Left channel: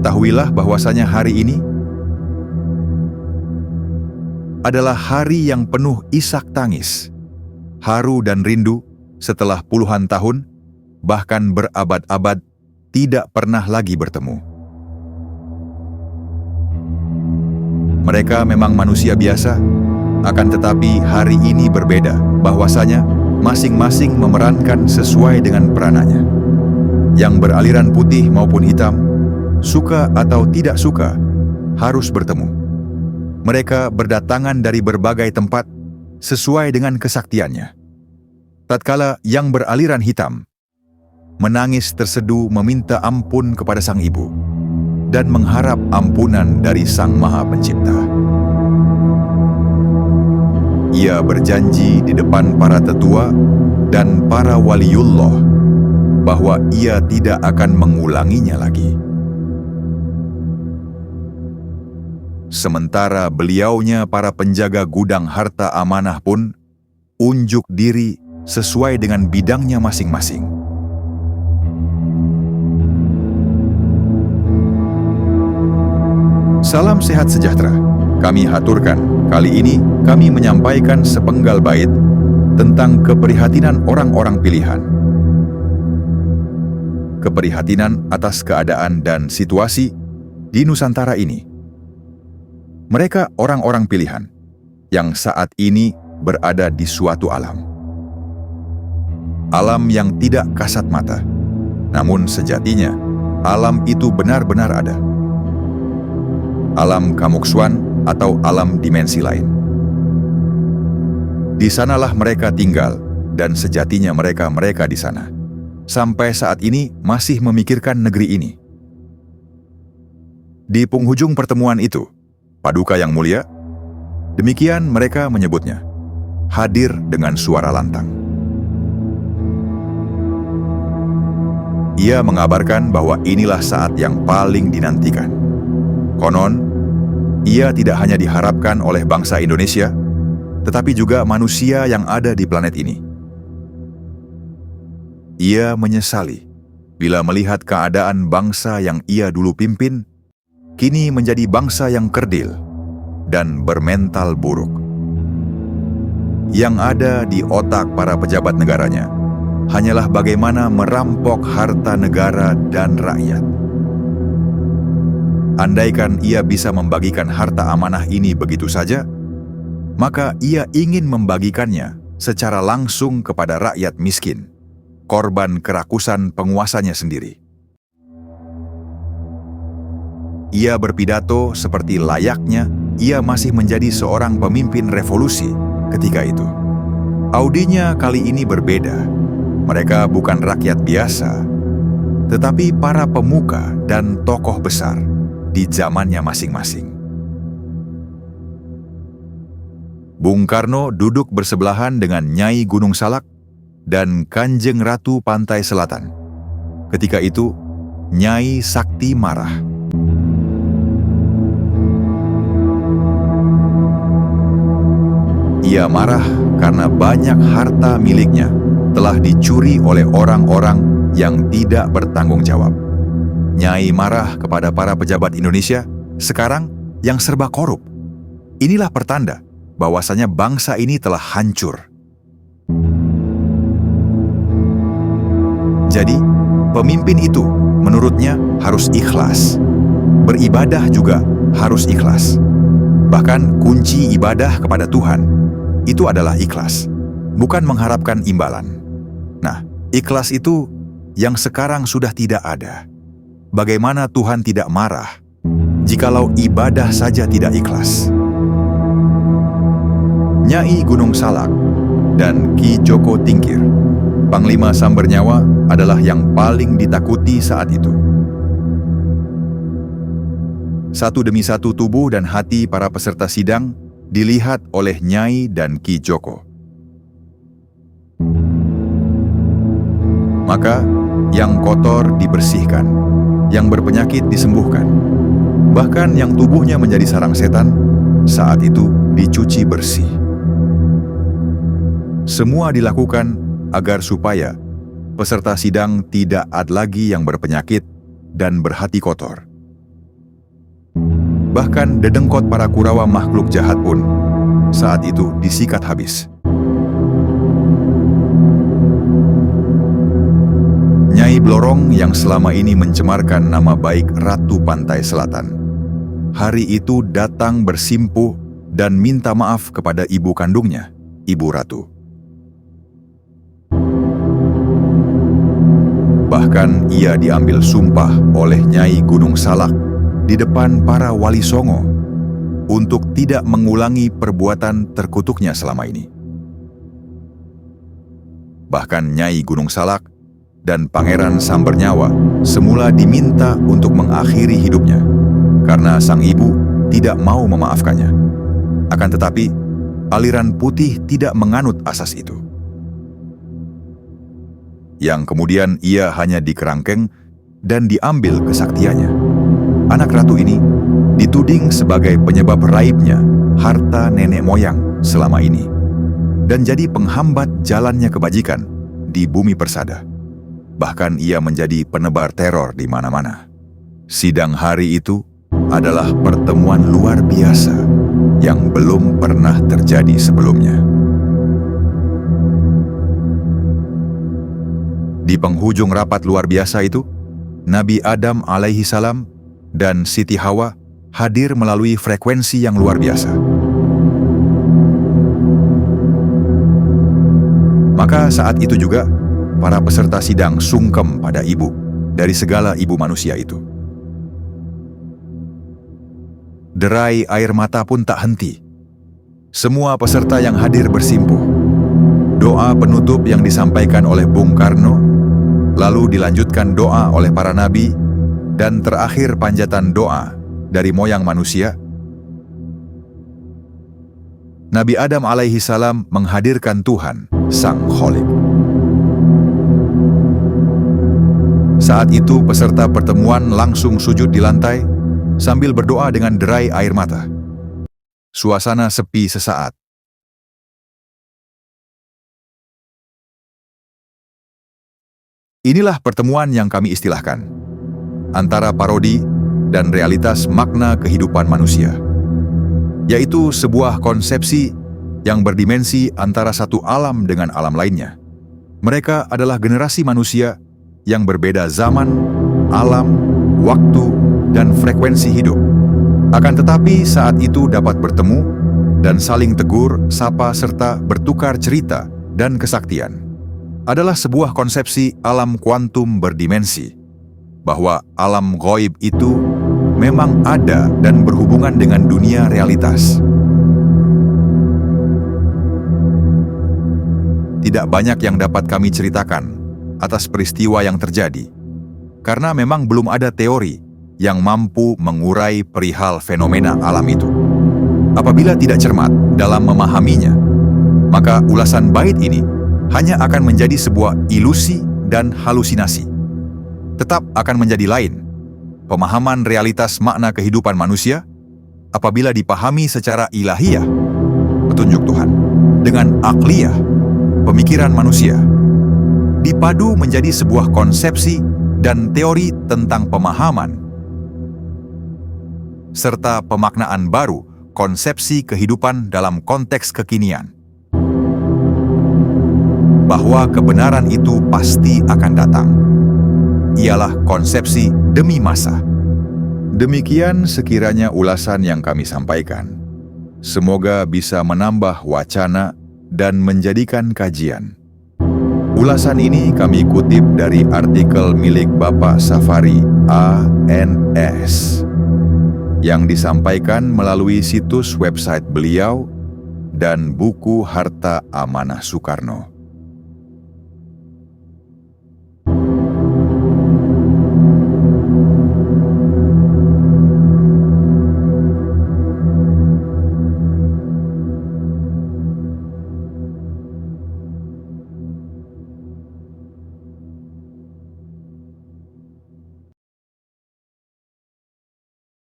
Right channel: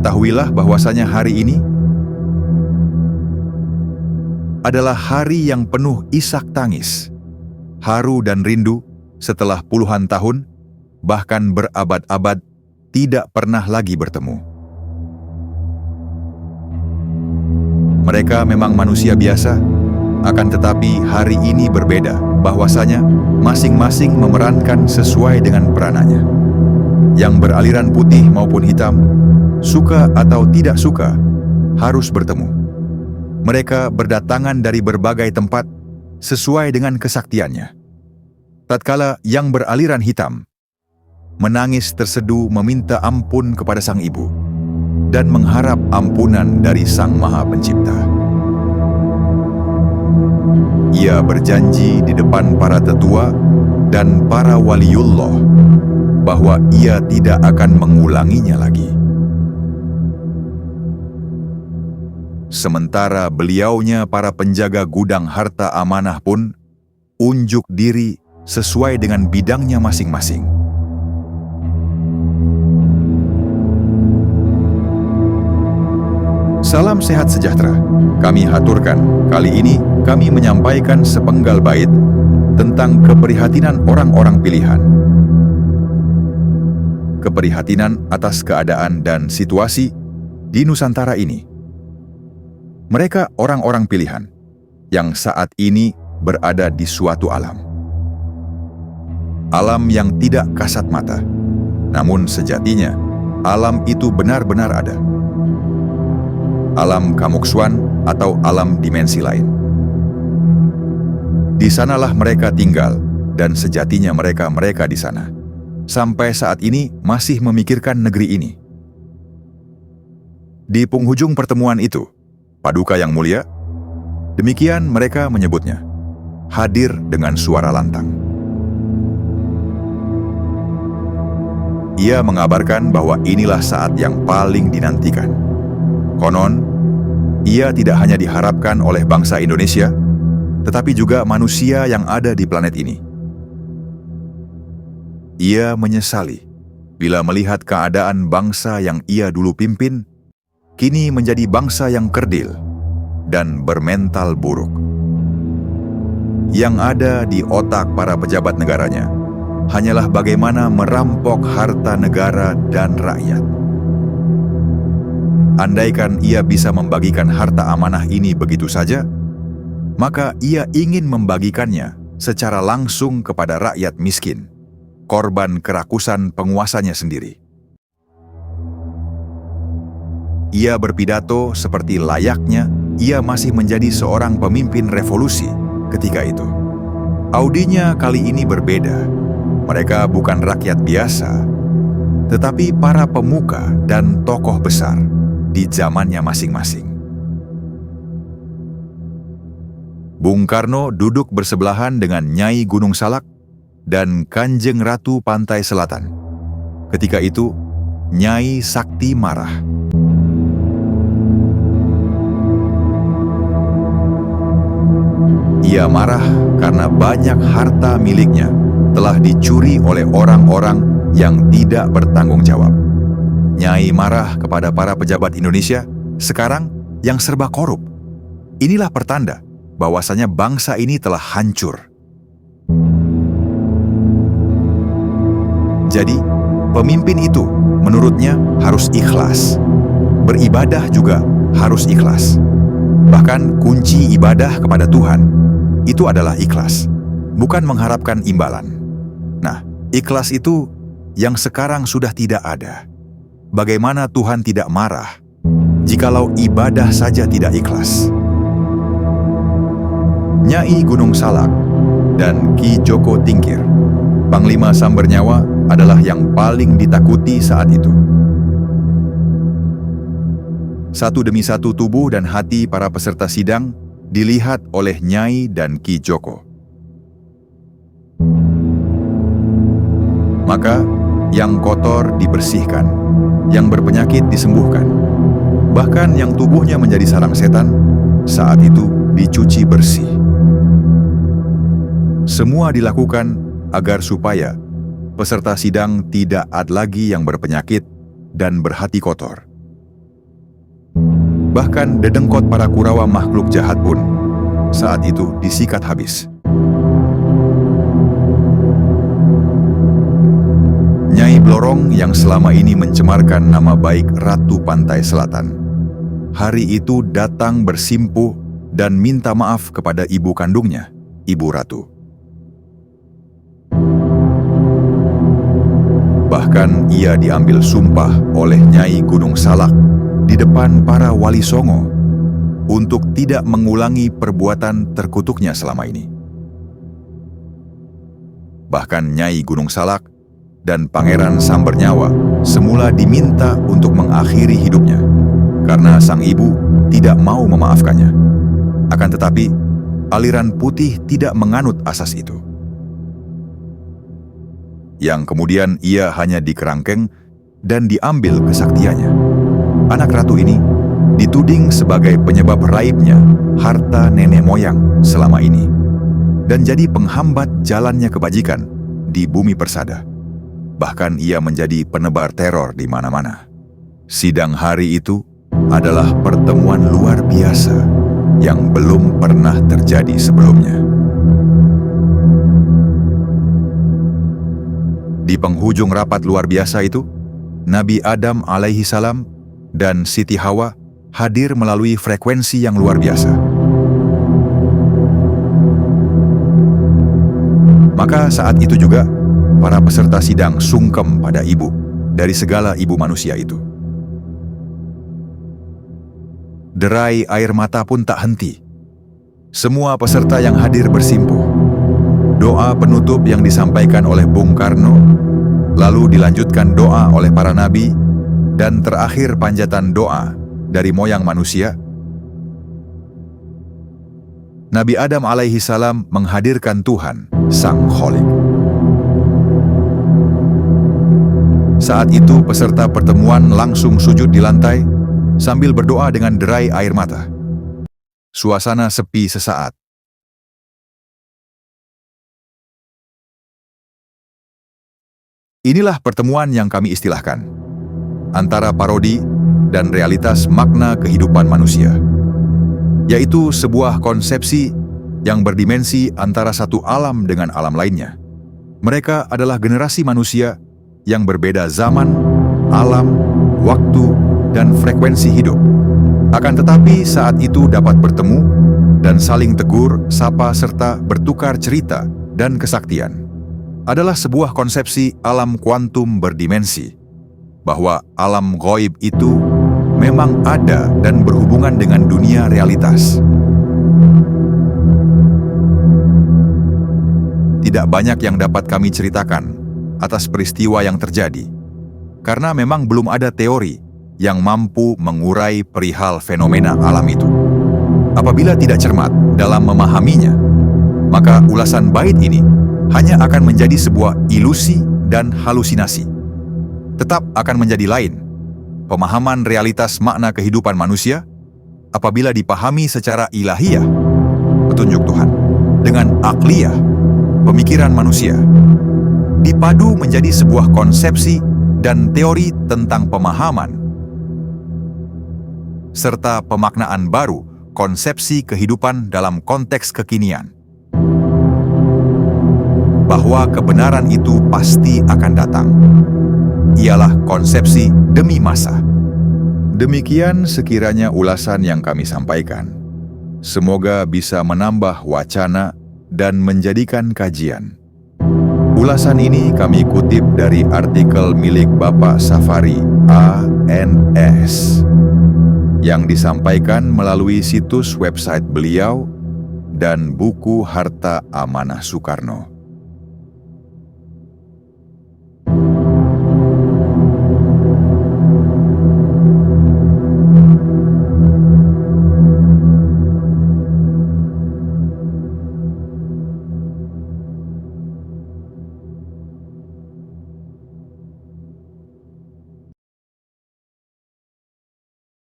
Ketahuilah bahwasanya hari ini adalah hari yang penuh isak tangis, haru dan rindu setelah puluhan tahun, bahkan berabad-abad, tidak pernah lagi bertemu. Mereka memang manusia biasa, akan tetapi hari ini berbeda, bahwasanya masing-masing memerankan sesuai dengan peranannya. Yang beraliran putih maupun hitam, suka atau tidak suka, harus bertemu. Mereka berdatangan dari berbagai tempat sesuai dengan kesaktiannya. Tatkala yang beraliran hitam menangis terseduh meminta ampun kepada sang ibu dan mengharap ampunan dari Sang Maha Pencipta. Ia berjanji di depan para tetua dan para waliullah bahwa ia tidak akan mengulanginya lagi. Sementara beliaunya para penjaga gudang harta amanah pun unjuk diri sesuai dengan bidangnya masing-masing. Salam sehat sejahtera. Kami haturkan, kali ini kami menyampaikan sepenggal bait tentang keprihatinan orang-orang pilihan. Keprihatinan atas keadaan dan situasi di Nusantara ini. Mereka orang-orang pilihan yang saat ini berada di suatu alam. Alam yang tidak kasat mata, namun sejatinya alam itu benar-benar ada. Alam kamuksuan atau alam dimensi lain. Di sanalah mereka tinggal dan sejatinya mereka di sana. Sampai saat ini masih memikirkan negeri ini. Di penghujung pertemuan itu, Paduka yang mulia, demikian mereka menyebutnya, hadir dengan suara lantang. Ia mengabarkan bahwa inilah saat yang paling dinantikan. Konon, ia tidak hanya diharapkan oleh bangsa Indonesia, tetapi juga manusia yang ada di planet ini. Ia menyesali bila melihat keadaan bangsa yang ia dulu pimpin kini menjadi bangsa yang kerdil dan bermental buruk. Yang ada di otak para pejabat negaranya hanyalah bagaimana merampok harta negara dan rakyat. Andaikan ia bisa membagikan harta amanah ini begitu saja, maka ia ingin membagikannya secara langsung kepada rakyat miskin, korban kerakusan penguasanya sendiri. Ia berpidato seperti layaknya ia masih menjadi seorang pemimpin revolusi ketika itu. Audinya kali ini berbeda. Mereka bukan rakyat biasa, tetapi para pemuka dan tokoh besar di zamannya masing-masing. Bung Karno duduk bersebelahan dengan Nyai Gunung Salak dan Kanjeng Ratu Pantai Selatan. Ketika itu, Nyai Sakti marah. Ia marah karena banyak harta miliknya telah dicuri oleh orang-orang yang tidak bertanggung jawab. Nyai marah kepada para pejabat Indonesia sekarang yang serba korup. Inilah pertanda bahwasanya bangsa ini telah hancur. Jadi, pemimpin itu menurutnya harus ikhlas. Beribadah juga harus ikhlas. Bahkan kunci ibadah kepada Tuhan itu adalah ikhlas, bukan mengharapkan imbalan. Nah, ikhlas itu yang sekarang sudah tidak ada. Bagaimana Tuhan tidak marah jikalau ibadah saja tidak ikhlas? Nyai Gunung Salak dan Ki Joko Tingkir, Panglima Sambernyawa, adalah yang paling ditakuti saat itu. Satu demi satu tubuh dan hati para peserta sidang dilihat oleh Nyai dan Ki Joko. Maka, yang kotor dibersihkan, yang berpenyakit disembuhkan, bahkan yang tubuhnya menjadi sarang setan, saat itu dicuci bersih. Semua dilakukan agar supaya peserta sidang tidak ada lagi yang berpenyakit dan berhati kotor. Bahkan dedengkot para Kurawa makhluk jahat pun saat itu disikat habis. Nyai Blorong yang selama ini mencemarkan nama baik Ratu Pantai Selatan, hari itu datang bersimpuh dan minta maaf kepada ibu kandungnya, Ibu Ratu. Bahkan ia diambil sumpah oleh Nyai Gunung Salak di depan para wali songo untuk tidak mengulangi perbuatan terkutuknya selama ini. Bahkan Nyai Gunung Salak dan Pangeran Sambernyawa semula diminta untuk mengakhiri hidupnya karena sang ibu tidak mau memaafkannya. Akan tetapi, aliran putih tidak menganut asas itu. Yang kemudian ia hanya dikerangkeng dan diambil kesaktiannya. Anak ratu ini dituding sebagai penyebab raibnya harta nenek moyang selama ini dan jadi penghambat jalannya kebajikan di bumi persada. Bahkan ia menjadi penebar teror di mana-mana. Sidang hari itu adalah pertemuan luar biasa yang belum pernah terjadi sebelumnya. Di penghujung rapat luar biasa itu, Nabi Adam alaihi salam dan Siti Hawa hadir melalui frekuensi yang luar biasa. Maka saat itu juga, para peserta sidang sungkem pada ibu dari segala ibu manusia itu. Derai air mata pun tak henti. Semua peserta yang hadir bersimpuh. Doa penutup yang disampaikan oleh Bung Karno, lalu dilanjutkan doa oleh para nabi, dan terakhir panjatan doa dari moyang manusia. Nabi Adam alaihi salam menghadirkan Tuhan, Sang Kholik. Saat itu peserta pertemuan langsung sujud di lantai sambil berdoa dengan derai air mata. Suasana sepi sesaat. Inilah pertemuan yang kami istilahkan antara parodi dan realitas makna kehidupan manusia, yaitu sebuah konsepsi yang berdimensi antara satu alam dengan alam lainnya. Mereka adalah generasi manusia yang berbeda zaman, alam, waktu, dan frekuensi hidup. Akan tetapi saat itu dapat bertemu dan saling tegur, sapa, serta bertukar cerita dan kesaktian. Adalah sebuah konsepsi alam kuantum berdimensi, bahwa alam ghaib itu memang ada dan berhubungan dengan dunia realitas. Tidak banyak yang dapat kami ceritakan atas peristiwa yang terjadi, karena memang belum ada teori yang mampu mengurai perihal fenomena alam itu. Apabila tidak cermat dalam memahaminya, maka ulasan bait ini hanya akan menjadi sebuah ilusi dan halusinasi. Tetap akan menjadi lain pemahaman realitas makna kehidupan manusia apabila dipahami secara ilahiyah, petunjuk Tuhan, dengan akliyah, pemikiran manusia, dipadu menjadi sebuah konsepsi dan teori tentang pemahaman, serta pemaknaan baru konsepsi kehidupan dalam konteks kekinian. Bahwa kebenaran itu pasti akan datang. Ialah konsepsi demi masa. Demikian sekiranya ulasan yang kami sampaikan. Semoga bisa menambah wacana dan menjadikan kajian. Ulasan ini kami kutip dari artikel milik Bapak Safari ANS yang disampaikan melalui situs website beliau dan buku Harta Amanah Soekarno.